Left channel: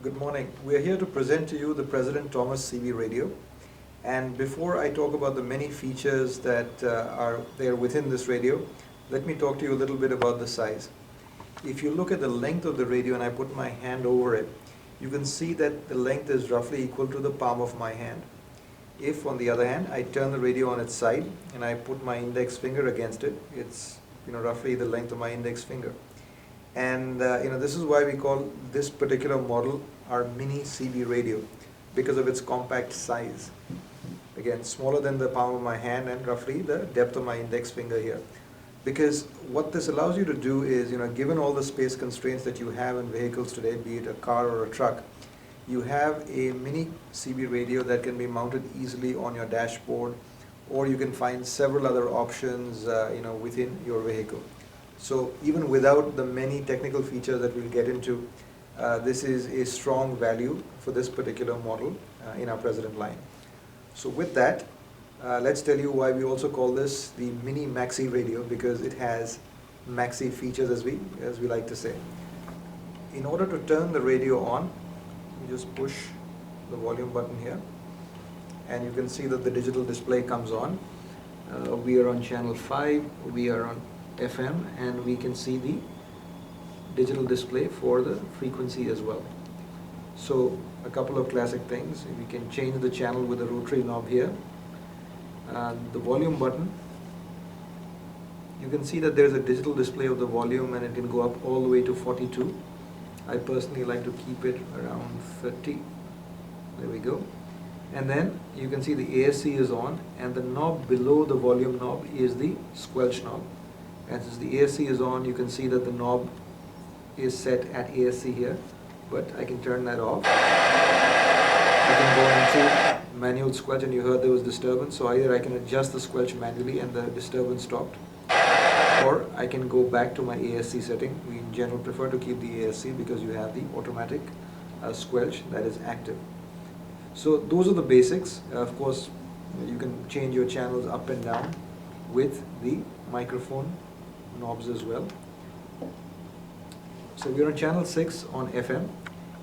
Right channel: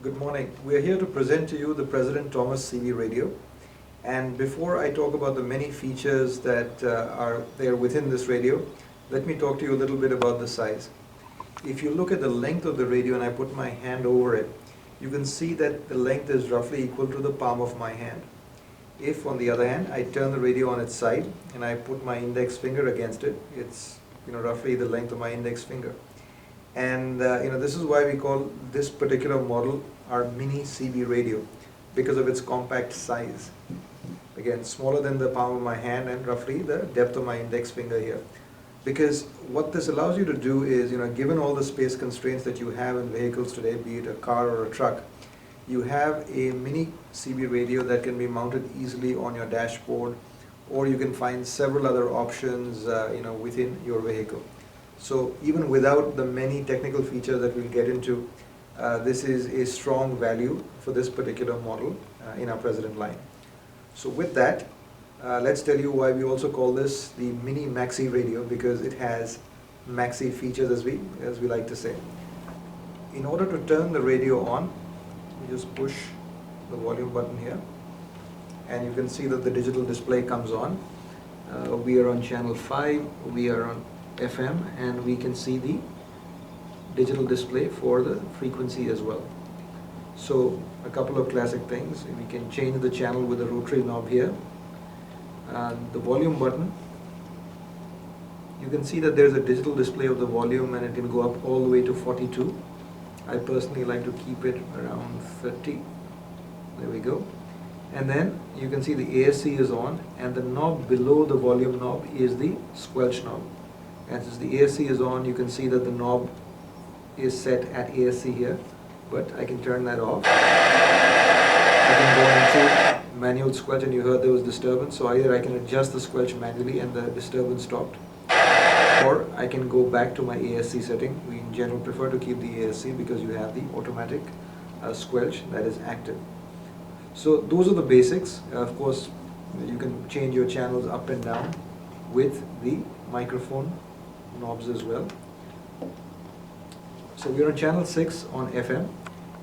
Good morning. We are here to present to you the President Thomas CB radio. And before I talk about the many features that are there within this radio, let me talk to you a little bit about the size. If you look at the length of the radio and I put my hand over it, you can see that the length is roughly equal to the palm of my hand. If, on the other hand, I turn the radio on its side and I put my index finger against it, it's roughly the length of my index finger. And this is why we call this particular model our mini CB radio, because of its compact size. Again, smaller than the palm of my hand and roughly the depth of my index finger here. Because what this allows you to do is, given all the space constraints that you have in vehicles today, be it a car or a truck, you have a mini CB radio that can be mounted easily on your dashboard, or you can find several other options within your vehicle. So even without the many technical features that we'll get into, this is a strong value for this particular model in our President line. So with that, let's tell you why we also call this the mini maxi radio, because it has maxi features, as we like to say. In order to turn the radio on, we just push the volume button here, and you can see that the digital display comes on. We are on channel 5, we are on FM, and we can see the digital display for the frequency as well. So a couple of classic things: we can change the channel with the rotary knob here. The volume button, you can see that there's a digital display of the volume, and it can go up all the way to 42. I personally like to keep it around 30. There we go. And then you can see the ASC is on, and the knob below the volume knob is the Squelch knob. And since the ASC is on, you can see that the knob is set at ASC here, but I can turn that off. I can go into manual Squelch, and you heard there was disturbance, so either I can adjust the Squelch manually and the disturbance stopped, or I can go back to my ASC setting. We in general prefer to keep the ASC because you have the automatic Squelch that is active. So those are the basics. Of course, you can change your channels up and down with the microphone knobs as well. So we're on channel 6 on FM,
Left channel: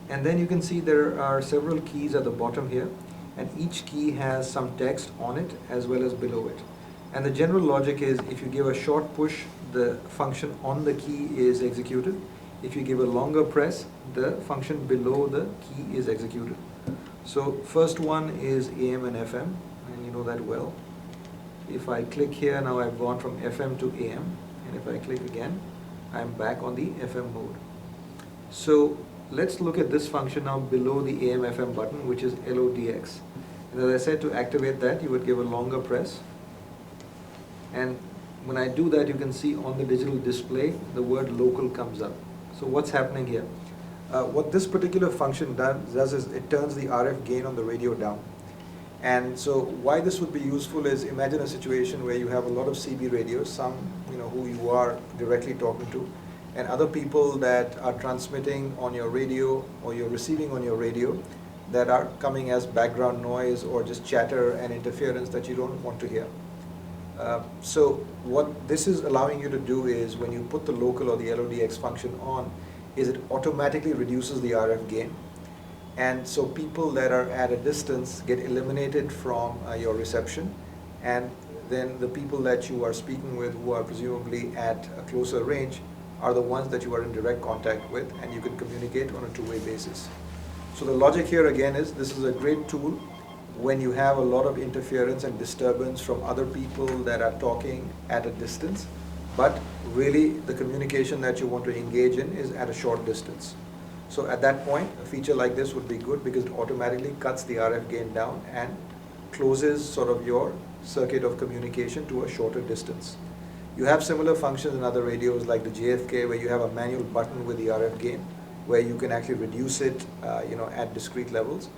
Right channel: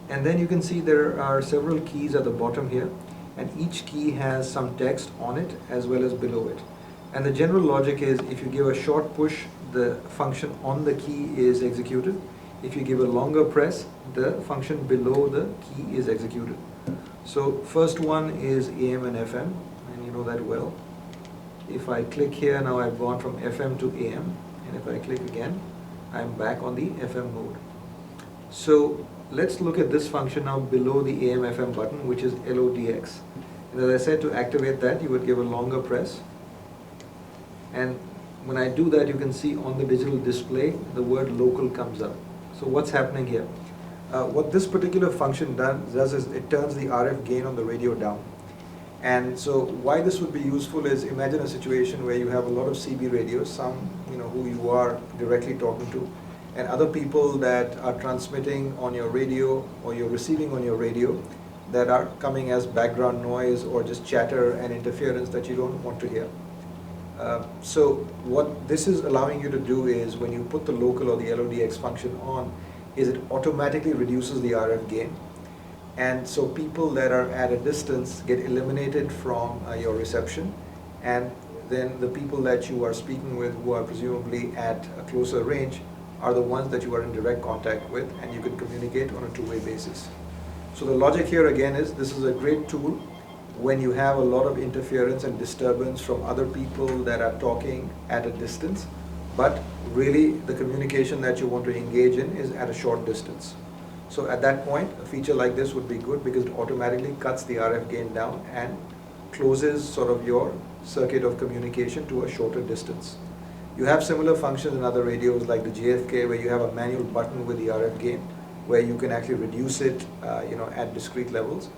and then you can see there are several keys at the bottom here, and each key has some text on it as well as below it. And the general logic is, if you give a short push, the function on the key is executed. If you give a longer press, the function below the key is executed. So first one is AM and FM, and you know that well. If I click here, now I've gone from FM to AM, and if I click again, I'm back on the FM mode. So let's look at this function now below the AM FM button, which is LODX. And as I said, to activate that, you would give a longer press. And when I do that, you can see on the digital display, the word local comes up. So what's happening here? What this particular function does is it turns the RF gain on the radio down. And so why this would be useful is, imagine a situation where you have a lot of CB radios, some who you are directly talking to, and other people that are transmitting on your radio or you're receiving on your radio that are coming as background noise or just chatter and interference that you don't want to hear. So what this is allowing you to do is, when you put the local or the LODX function on, is it automatically reduces the RF gain. And so people that are at a distance get eliminated from your reception, and then the people that you are speaking with, who are presumably at a closer range, are the ones that you are in direct contact with, and you can communicate on a two-way basis. So the logic here again is, this is a great tool when you have a lot of interference and disturbance from other people that are talking at a distance, but really the communication that you want to engage in is at a short distance. So at that point, a feature like this would be good, because it automatically cuts the RF gain down and closes sort of your circuit of communication to a shorter distance. You have similar functions in other radios like the JFK, where you have a manual button with the RF gain, where you can actually reduce it at discrete levels.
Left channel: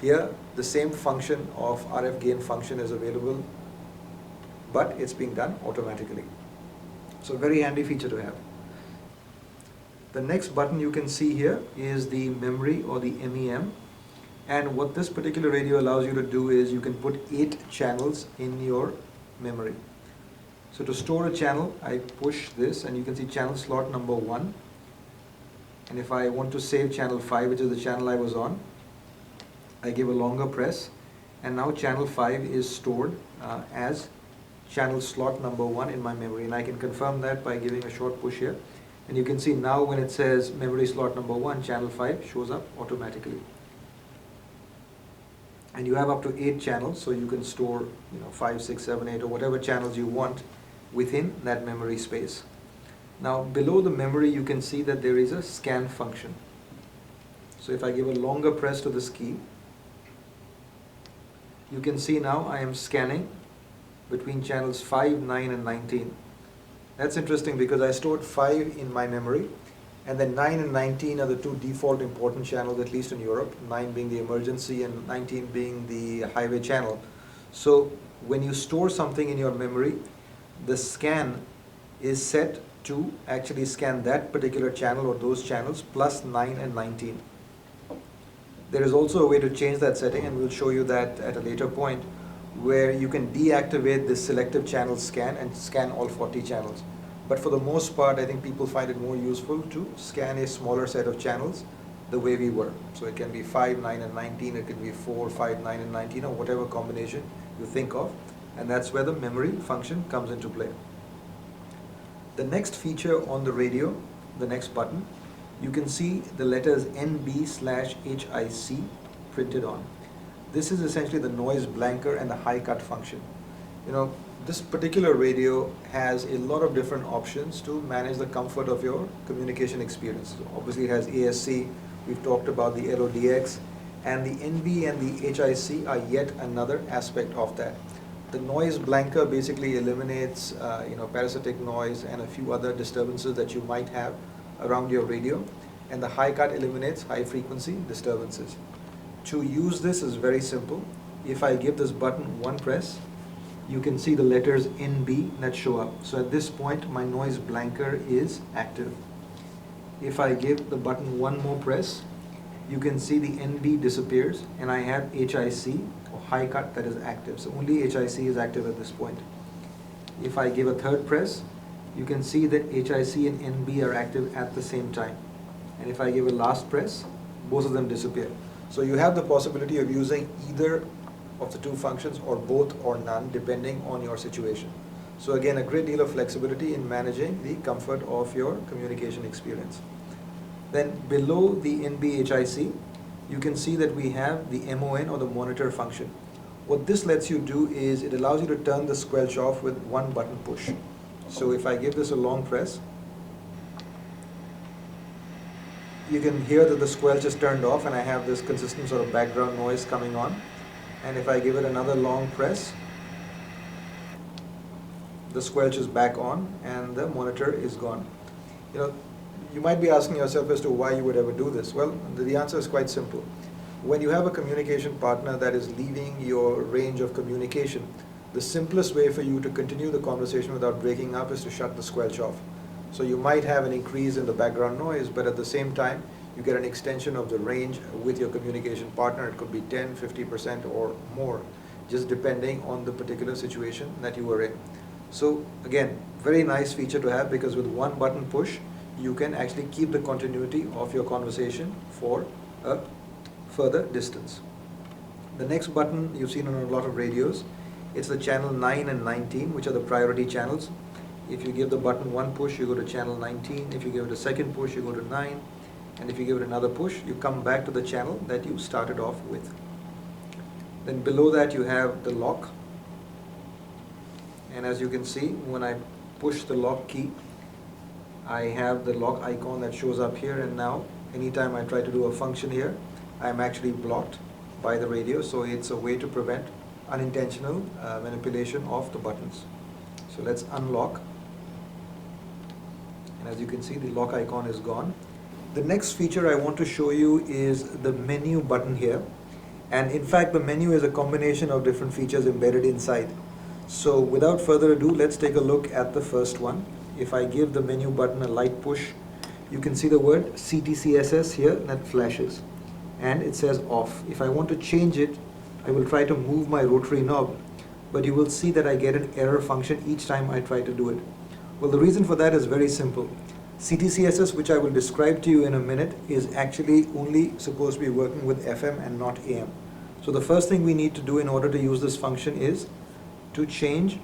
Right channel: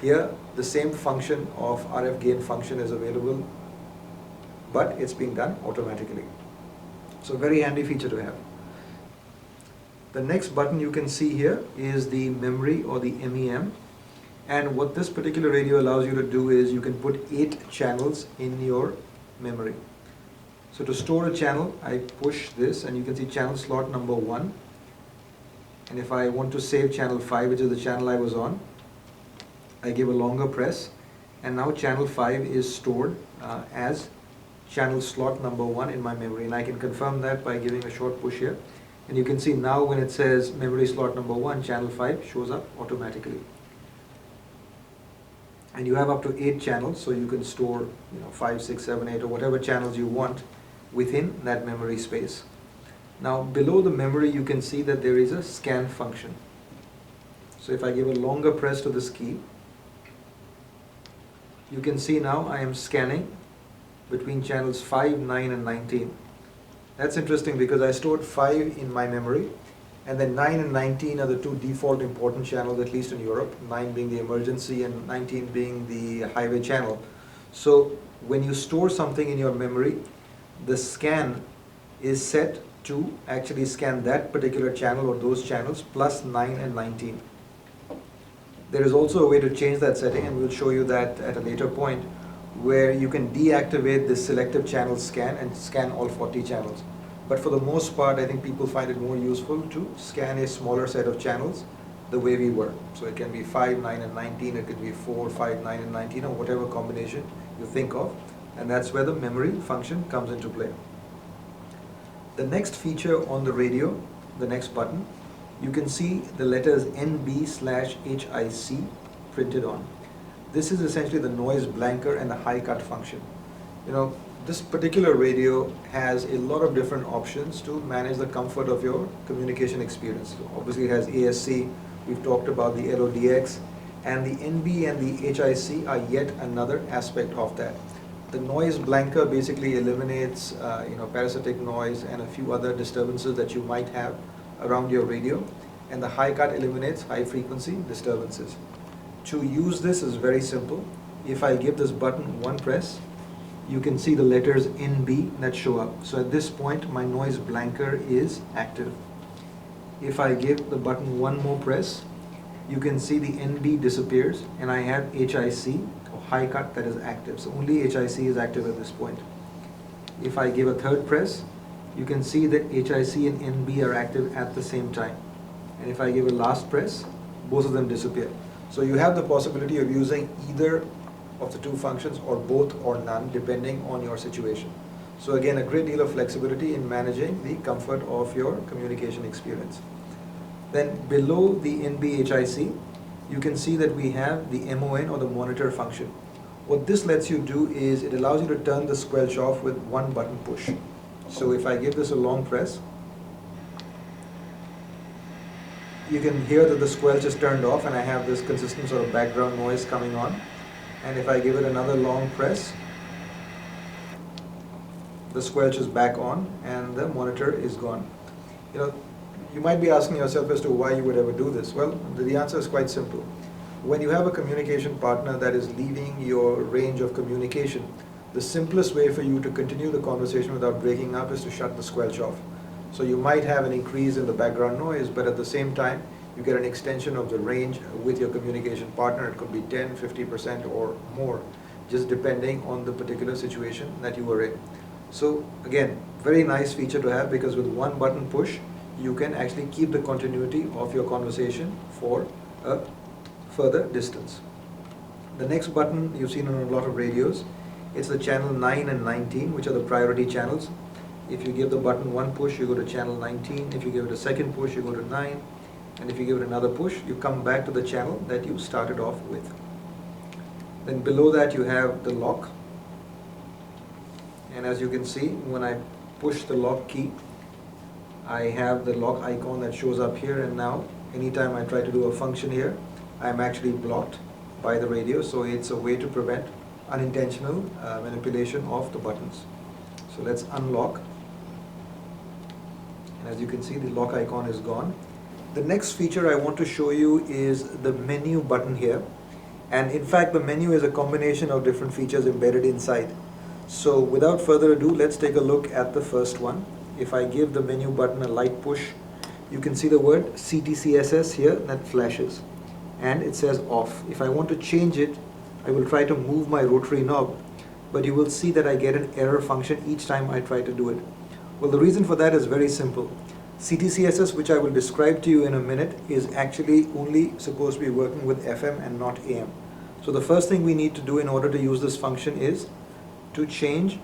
Here, the same function of RF gain function is available, but it's being done automatically. So very handy feature to have. The next button you can see here is the memory, or the MEM. And what this particular radio allows you to do is, you can put 8 channels in your memory. So to store a channel, I push this, and you can see channel slot number 1. And if I want to save channel 5, which is the channel I was on, I give a longer press, and now channel 5 is stored as channel slot number 1 in my memory, and I can confirm that by giving a short push here. And you can see now when it says memory slot number 1, channel 5 shows up automatically. And you have up to 8 channels, so you can store 5, 6, 7, 8 or whatever channels you want within that memory space. Now below the memory you can see that there is a scan function. So if I give a longer press to this key, you can see now I am scanning between channels 5, 9 and 19. That's interesting because I stored 5 in my memory, and then 9 and 19 are the two default important channels, at least in Europe, 9 being the emergency and 19 being the highway channel. So when you store something in your memory, the scan is set to actually scan that particular channel or those channels plus 9 and 19. There is also a way to change that setting, and we'll show you that at a later point, where you can deactivate the selective channel scan and scan all 40 channels. But for the most part, I think people find it more useful to scan a smaller set of channels the way we were. So it can be 5, 9 and 19, it can be 4, 5, 9 and 19, or whatever combination you think of, and that's where the memory function comes into play. The next feature on the radio, the next button, you can see the letters NB/HIC printed on. This is essentially the noise blanker and the high cut function. This particular radio has a lot of different options to manage the comfort of your communication experience. So obviously it has ASC, we've talked about the LODX, and the NB and the HIC are yet another aspect of that. The noise blanker basically eliminates parasitic noise and a few other disturbances that you might have around your radio, and the high cut eliminates high frequency disturbances. To use this is very simple. If I give this button one press, you can see the letters NB that show up. So at this point my noise blanker is active. If I give the button one more press, you can see the NB disappears and I have HIC or high cut that is active. So only HIC is active at this point. If I give a third press, you can see that HIC and NB are active at the same time. And if I give a last press, both of them disappear. So you have the possibility of using either of the two functions or both or none depending on your situation. So again, a great deal of flexibility in managing the comfort of your communication experience. Then below the NB-HIC, you can see that we have the MON or the monitor function. What this lets you do is it allows you to turn the squelch off with one button push. So if I give this a long press, you can hear that the squelch is turned off and I have this consistent sort of background noise coming on. And if I give it another long press, the squelch is back on and the monitor is gone. You might be asking yourself as to why you would ever do this. Well, the answer is quite simple. When you have a communication partner that is leaving your range of communication, the simplest way for you to continue the conversation without breaking up is to shut the squelch off. So you might have an increase in the background noise, but at the same time, you get an extension of the range with your communication partner. It could be 10, 50% or more, just depending on the particular situation that you were in. So again, very nice feature to have, because with one button push, you can actually keep the continuity of your conversation for a further distance. The next button you've seen on a lot of radios, it's the channel 9 and 19, which are the priority channels. If you give the button one push, you go to channel 19. If you give it a second push, you go to 9. And if you give it another push, you come back to the channel that you started off with. Then below that you have the lock. And as you can see, when I push the lock key, I have the lock icon that shows up here, and now anytime I try to do a function here, I'm actually blocked by the radio. So it's a way to prevent unintentional manipulation of the buttons. So let's unlock, and as you can see, the lock icon is gone. The next feature I want to show you is the menu button here, and in fact the menu is a combination of different features embedded inside. So without further ado, let's take a look at the first one. If I give the menu button a light push, you can see the word CTCSS here that flashes, and it says off. If I want to change it, I will try to move my rotary knob, but you will see that I get an error function each time I try to do it. Well, the reason for that is very simple. CTCSS, which I will describe to you in a minute, is actually only supposed to be working with FM and not AM. So the first thing we need to do in order to use this function is to change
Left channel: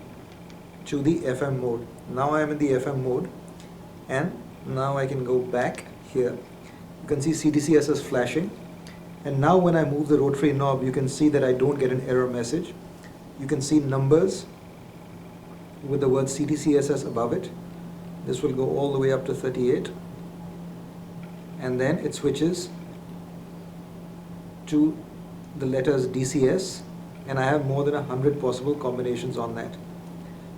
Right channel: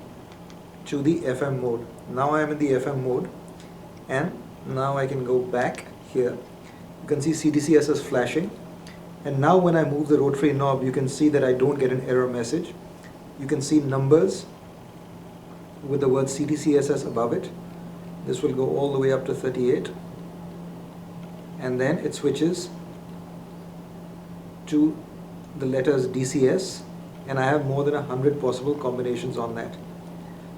to the FM mode. Now I am in the FM mode, and now I can go back here. You can see CTCSS flashing, and now when I move the rotary knob, you can see that I don't get an error message. You can see numbers with the word CTCSS above it. This will go all the way up to 38, and then it switches to the letters DCS, and I have more than 100 possible combinations on that.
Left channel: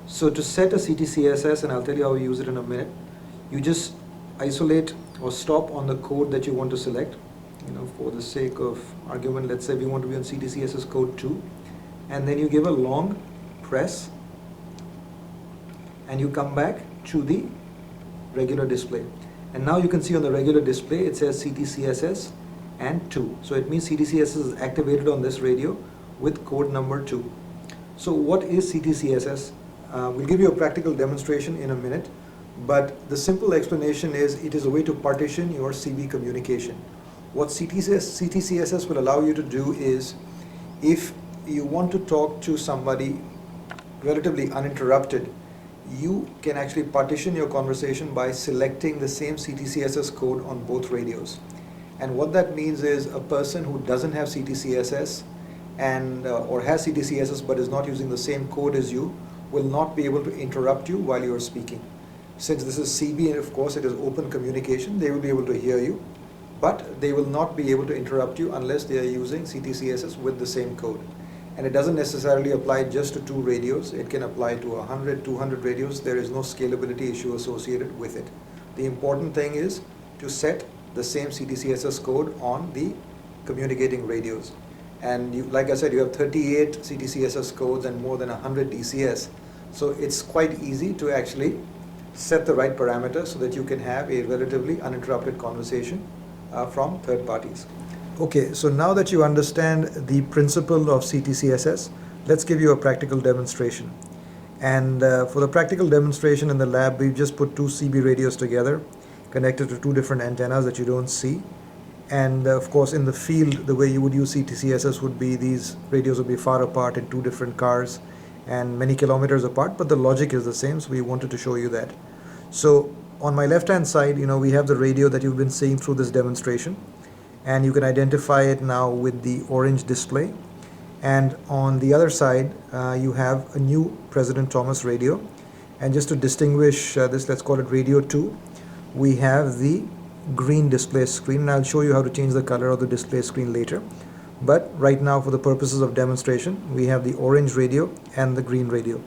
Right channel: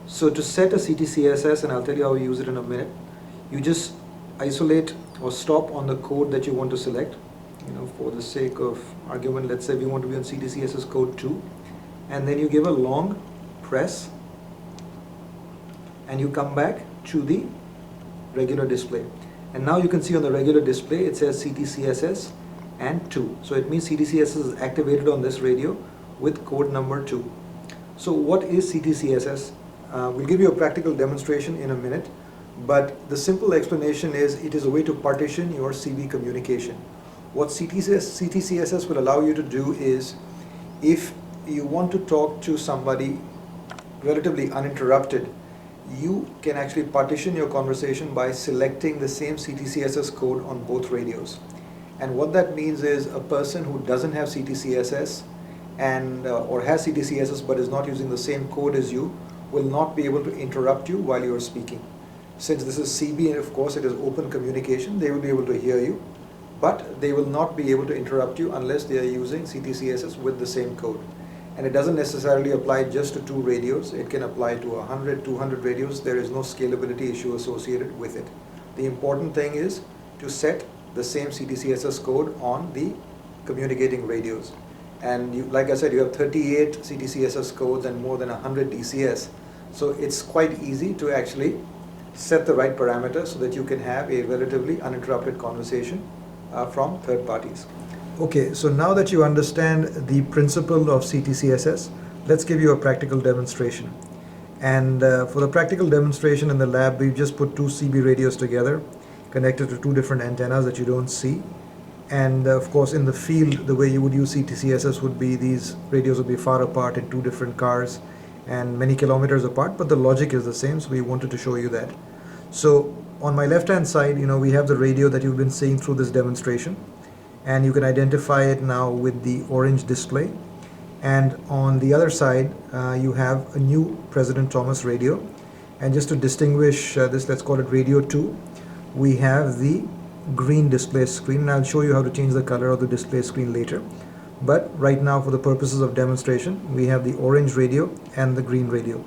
So to set a CTCSS, and I'll tell you how we use it in a minute, you just isolate or stop on the code that you want to select. For the sake of argument, let's say we want to be on CTCSS code 2, and then you give a long press and you come back to the regular display, and now you can see on the regular display it says CTCSS and 2. So it means CTCSS is activated on this radio with code number 2. So what is CTCSS? We'll give you a practical demonstration in a minute, but the simple explanation is it is a way to partition your CB communication. What CTCSS will allow you to do is, if you want to talk to somebody relatively uninterrupted, you can actually partition your conversation by selecting the same CTCSS code on both radios. And what that means is a person who doesn't have CTCSS and or has CTCSS but is not using the same code as you will not be able to interrupt you while you are speaking. Since this is CB and of course it is open communication, they will be able to hear you, but they will not be able to interrupt you unless they are using CTCSS with the same code. And it doesn't necessarily apply just to 2 radios. It can apply to 100, 200 radios. There is no scalability issue associated with it. The important thing is to set the same CTCSS code on the communicating radios. And like I said, you have 38 CTCSS codes and more than 100 DCS. So it's quite easy to actually set the right parameters so that you can have a relatively uninterrupted conversation from third parties. Okay, so now that you understand the principle of CTCSS, let's give you a practical demonstration. And for the practical demonstration in the lab, we've just put 2 CB radios together, connected to 2 different antennas that you don't see. And of course, in the field, the way you would use CTCSS would be these radios would be far apart in 2 different cars and many kilometers apart, but the logic is the same, so we wanted to show you that. So on my left-hand side, we have the radio that you've been seeing through this demonstration, and you can identify it now with the orange display. And on the other side, you have a new President Thomas radio. And just to distinguish this, let's call it radio 2, we have the green display screen, and I'll show you how to change the color of the display screen later. But right now, for the purposes of demonstration, we have the orange radio and the green radio.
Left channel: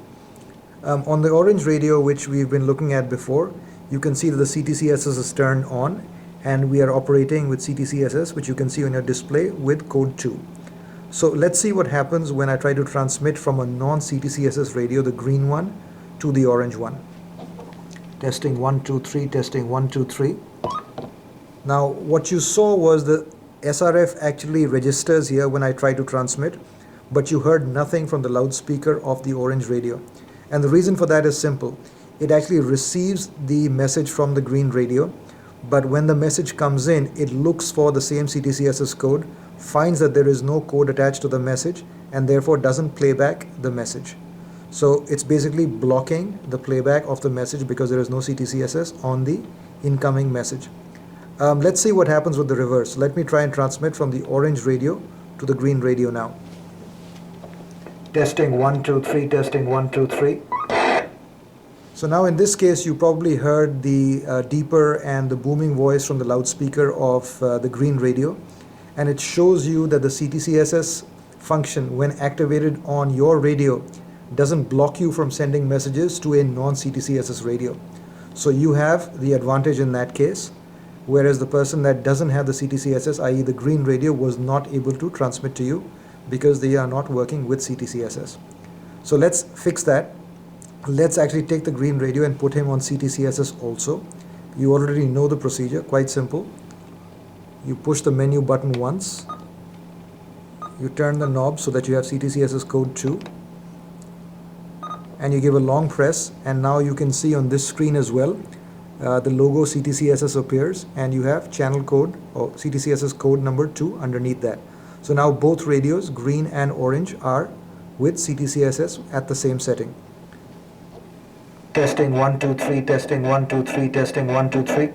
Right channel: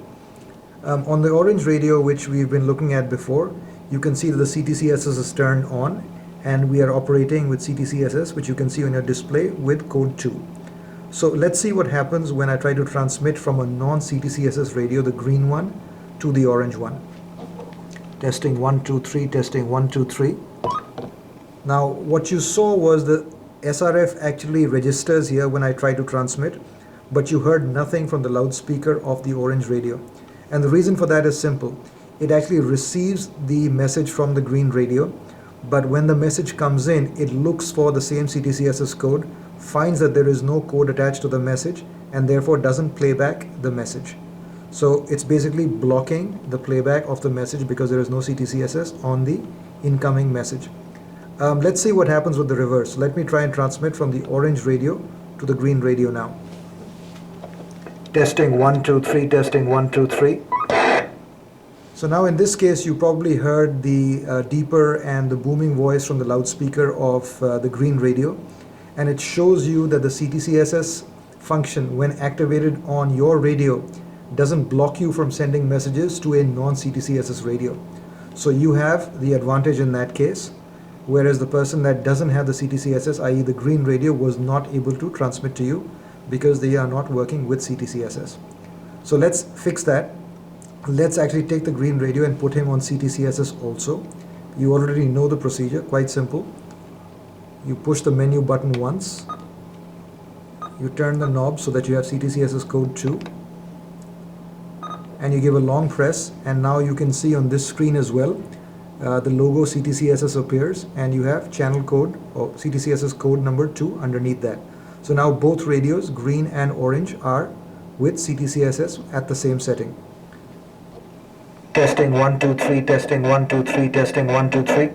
On the orange radio, which we've been looking at before, you can see that the CTCSS is turned on, and we are operating with CTCSS, which you can see on your display with code 2. So let's see what happens when I try to transmit from a non-CTCSS radio, the green one, to the orange one. Testing 1, 2, 3, testing 1, 2, 3. Now what you saw was the SRF actually registers here when I try to transmit, but you heard nothing from the loudspeaker of the orange radio. And the reason for that is simple. It actually receives the message from the green radio, but when the message comes in, it looks for the same CTCSS code, finds that there is no code attached to the message, and therefore doesn't play back the message. So it's basically blocking the playback of the message because there is no CTCSS on the incoming message. Let's see what happens with the reverse. Let me try and transmit from the orange radio to the green radio now. Testing 1, 2, 3, testing 1, 2, 3. So now in this case, you probably heard the deeper and the booming voice from the loudspeaker of the green radio, and it shows you that the CTCSS function, when activated on your radio, doesn't block you from sending messages to a non-CTCSS radio. So you have the advantage in that case, whereas the person that doesn't have the CTCSS, i.e. the green radio, was not able to transmit to you because they are not working with CTCSS. So let's fix that. Let's actually take the green radio and put him on CTCSS also. You already know the procedure, quite simple. You push the menu button once, you turn the knob so that you have CTCSS code 2, and you give a long press, and now you can see on this screen as well the logo CTCSS appears, and you have channel code or CTCSS code number 2 underneath that. So now both radios, green and orange, are with CTCSS at the same setting. Testing 1 2 3, testing 1 2 3, testing 1 2 3.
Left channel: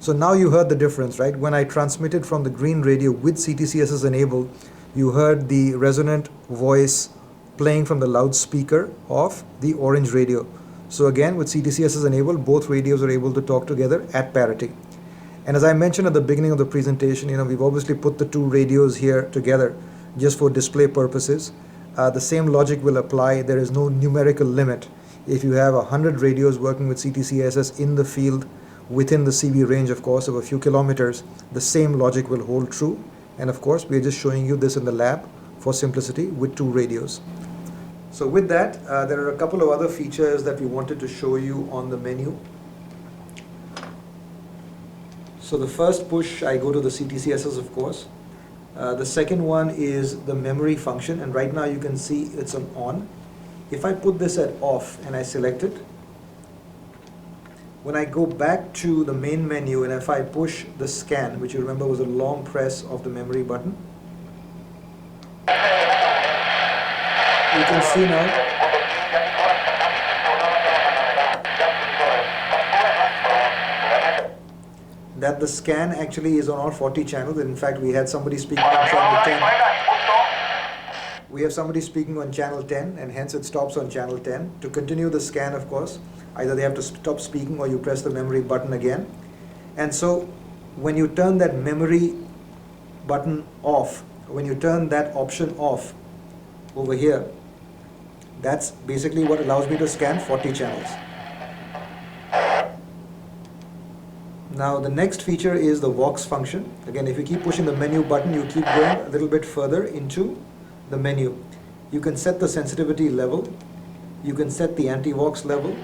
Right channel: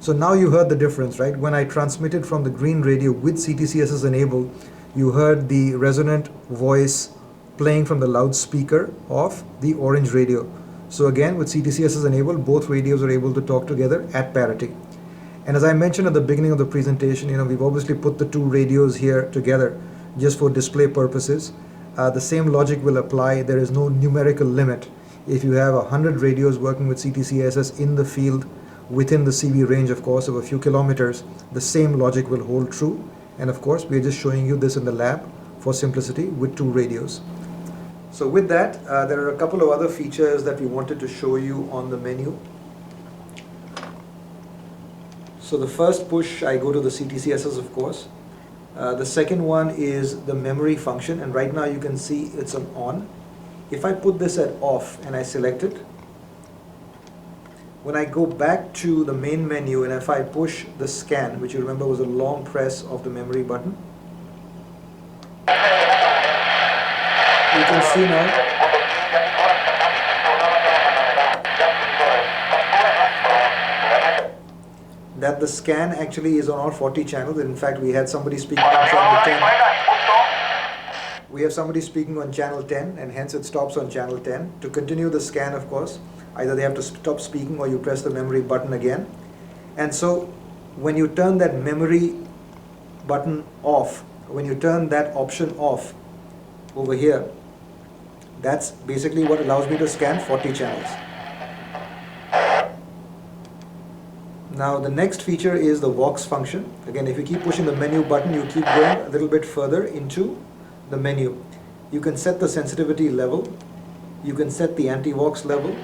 So now you heard the difference, right? When I transmitted from the green radio with CTCSS enabled, you heard the resonant voice playing from the loudspeaker of the orange radio. So again, with CTCSS enabled, both radios are able to talk together at parity. And as I mentioned at the beginning of the presentation, we've obviously put the two radios here together just for display purposes. The same logic will apply. There is no numerical limit. If you have 100 radios working with CTCSS in the field, within the CB range, of course, of a few kilometers, the same logic will hold true. And of course, we're just showing you this in the lab for simplicity with two radios. So with that, there are a couple of other features that we wanted to show you on the menu. So the first push, I go to the CTCSS, of course. The second one is the memory function, and right now you can see it's on. If I put this at off and I select it, when I go back to the main menu and if I push the scan, which you remember was a long press of the memory button, you can see now that the scan actually is on all 40 channels. In fact, we had somebody speaking on channel 10. We have somebody speaking on channel 10, and hence it stops on channel 10. To continue the scan, of course, either they have to stop speaking or you press the memory button again. And so when you turn that memory button off, when you turn that option off over here, that's basically what allows me to scan 40 channels. Now the next feature is the Vox function. Again, if you keep pushing the menu button, you keep going a little bit further into the menu. You can set the sensitivity level, you can set the anti-Vox level,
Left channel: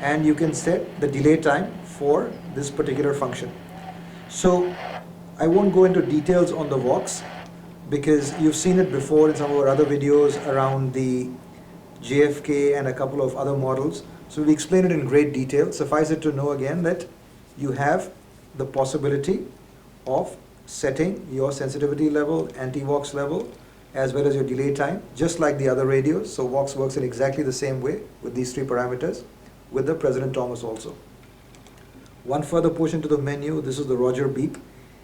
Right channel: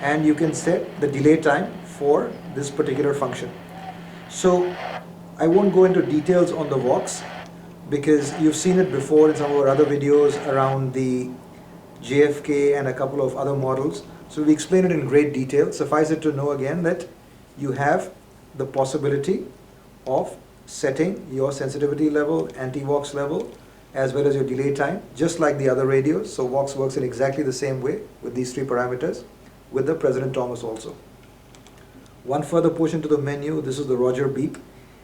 and you can set the delay time for this particular function. So I won't go into details on the Vox because you've seen it before in some of our other videos around the JFK and a couple of other models. So we explain it in great detail. Suffice it to know again that you have the possibility of setting your sensitivity level, anti-Vox level, as well as your delay time, just like the other radios. So Vox works in exactly the same way with these three parameters, with the President Thomas also. One further push into the menu, this is the Roger beep.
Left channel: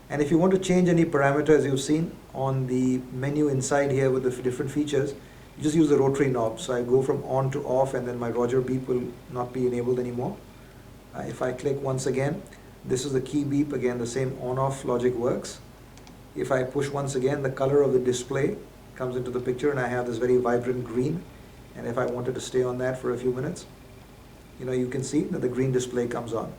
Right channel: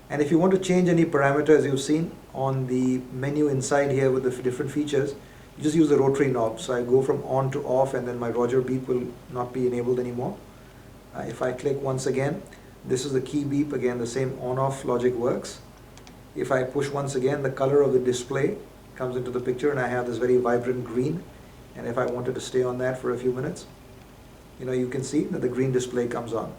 And if you want to change any parameters you've seen on the menu inside here with the different features, you just use the rotary knob. So I go from on to off, and then my Roger beep will not be enabled anymore. If I click once again, this is the key beep. Again, the same on-off logic works. If I push once again, the color of the display comes into the picture, and I have this very vibrant green. And if I wanted to stay on that for a few minutes, you can see that the green display comes on.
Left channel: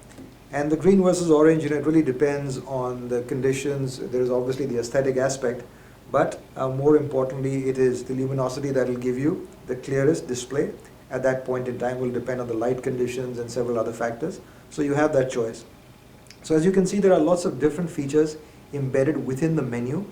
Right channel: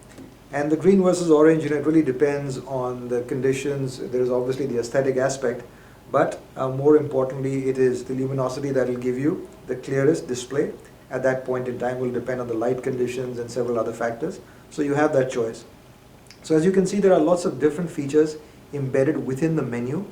And the green versus orange, it really depends on the conditions. There is obviously the aesthetic aspect, but more importantly, it is the luminosity that will give you the clearest display at that point in time. Will depend on the light conditions and several other factors. So you have that choice. So as you can see, there are lots of different features embedded within the menu.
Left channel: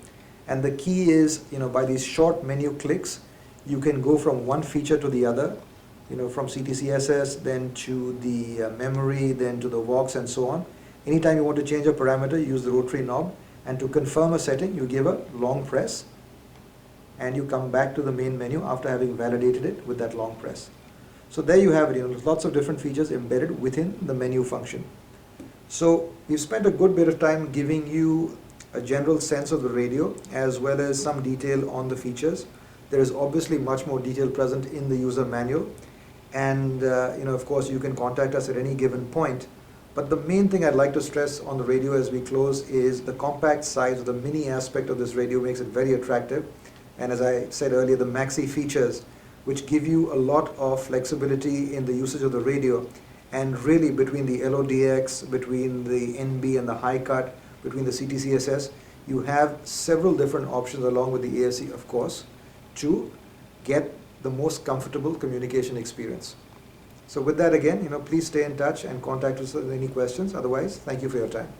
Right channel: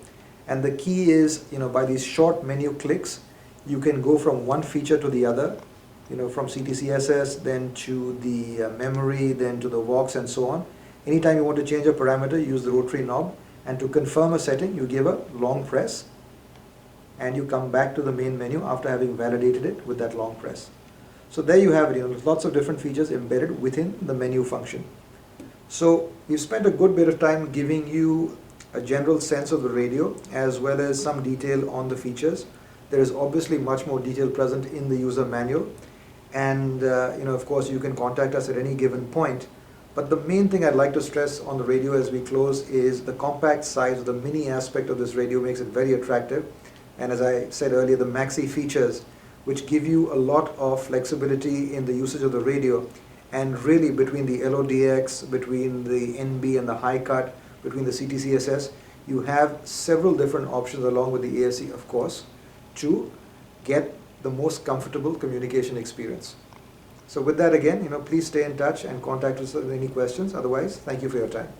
And the key is, by these short menu clicks, you can go from one feature to the other, from CTCSS, then to the memory, then to the Vox, and so on. Anytime you want to change a parameter, you use the rotary knob. And to confirm a setting, you give a long press, and you come back to the main menu after having validated it with that long press. So there you have it, lots of different features embedded within the menu function. So we've spent a good bit of time giving you a general sense of the radio as well as some detail on the features. There is obviously much more detail present in the user manual, and of course you can contact us at any given point. But the main thing I'd like to stress on the radio as we close is the compact size, the mini aspect of this radio makes it very attractive. And as I said earlier, the maxi features, which give you a lot of flexibility in the usage of the radio. And really between the LODX, between the NB and the high cut, between the CTCSS, you have several different options along with the ASC, of course, to get the most comfortable communication experience. So with that again, please stay in touch and contact us with any questions. Otherwise, thank you for your time.